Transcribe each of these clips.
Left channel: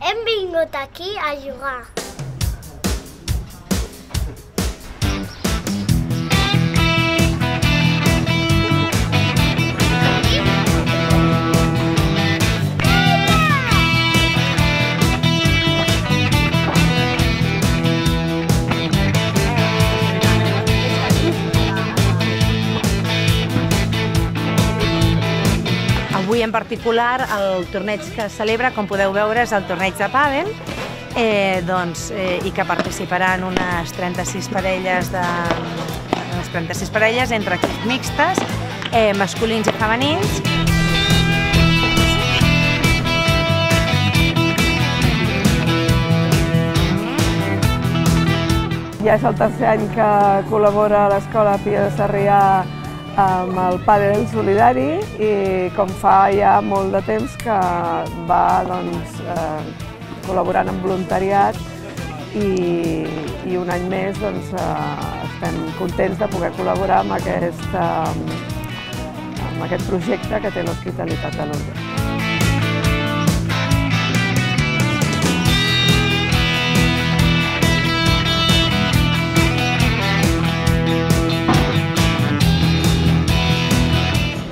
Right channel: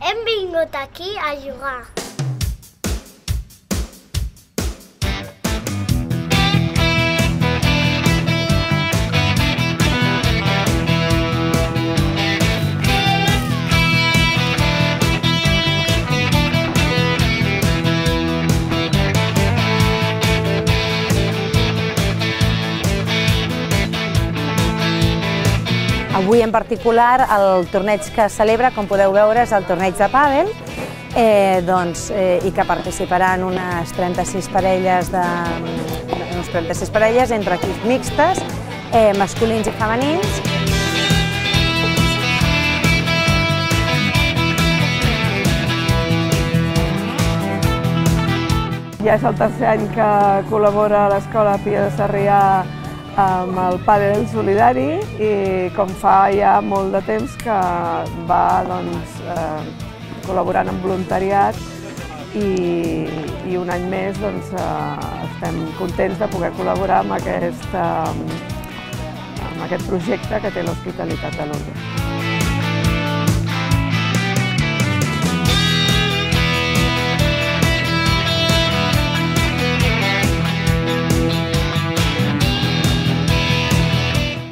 Hem vingut aquí a jugar. Avui en particular el torneig que es celebra, com podeu veure, és el torneig de pàdel i que participaran unes 36 parelles entre equips mixtes, masculins i femenins. Ja és el tercer any que col·labora l'Escola Pia de Sarrià amb el pàdel solidari i com fa ja molt de temps que va col·laborant amb voluntariat i un any més estem contents de poder col·laborar amb aquest projecte que té l'Hospitalitat de Lourdes.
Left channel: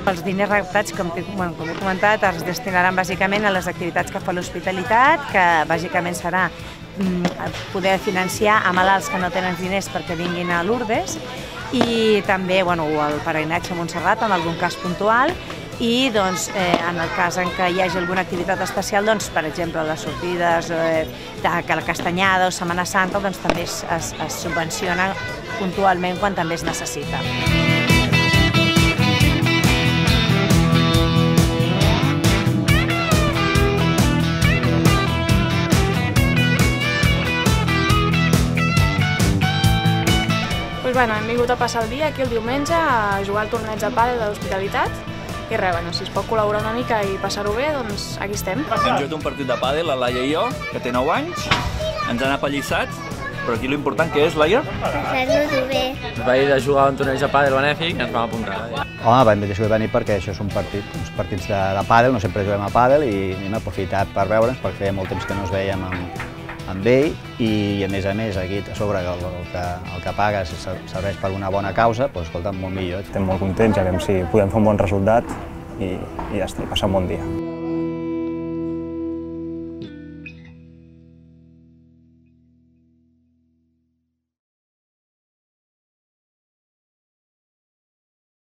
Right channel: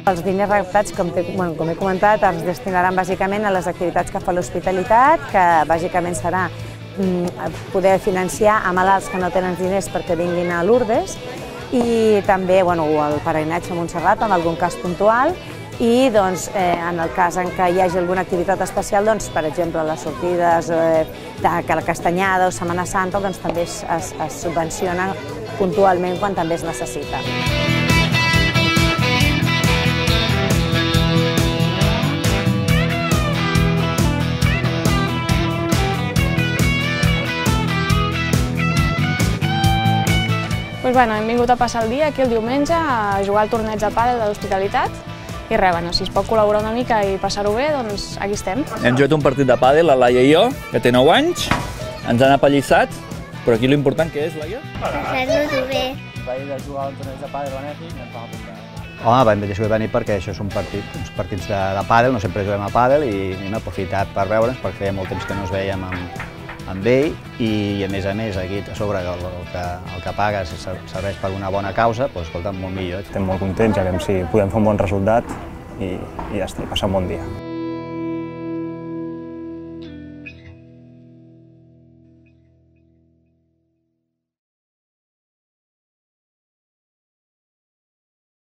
Els diners recaptats, com he comentat, els destinaran bàsicament a les activitats que fa l'Hospitalitat, que bàsicament serà poder financiar a malalts que no tenen diners perquè vinguin a Lourdes i també el peregrinatge a Montserrat en algun cas puntual i en el cas en què hi hagi alguna activitat especial, per exemple les sortides de la Castanyada o Setmana Santa, també es subvenciona puntualment quan també es necessita. Hem vingut a passar el dia aquí el diumenge a jugar al torneig de pàdel de l'Hospitalitat i res, si es pot col·laborar una mica i passar-ho bé, doncs aquí estem. Hem jugat un partit de pàdel, la Laia i jo, que té 9 anys, ens han apallissat, però aquí l'important que és, Laia? Passar-nos-ho bé. Vaig a jugar a un torneig de pàdel benèfic i ens vam apuntar. Home, vam decidir venir perquè això és uns partits de pàdel, no sempre juguem a pàdel i hem aprofitat per veure'ns perquè feia molt temps que no ens veiem amb ell i a més aquí a sobre el que pagues serveix per una bona causa, doncs escolta, molt millor. Estem molt contents, ja veiem si podem fer un bon resultat i ja està, i passar un bon dia.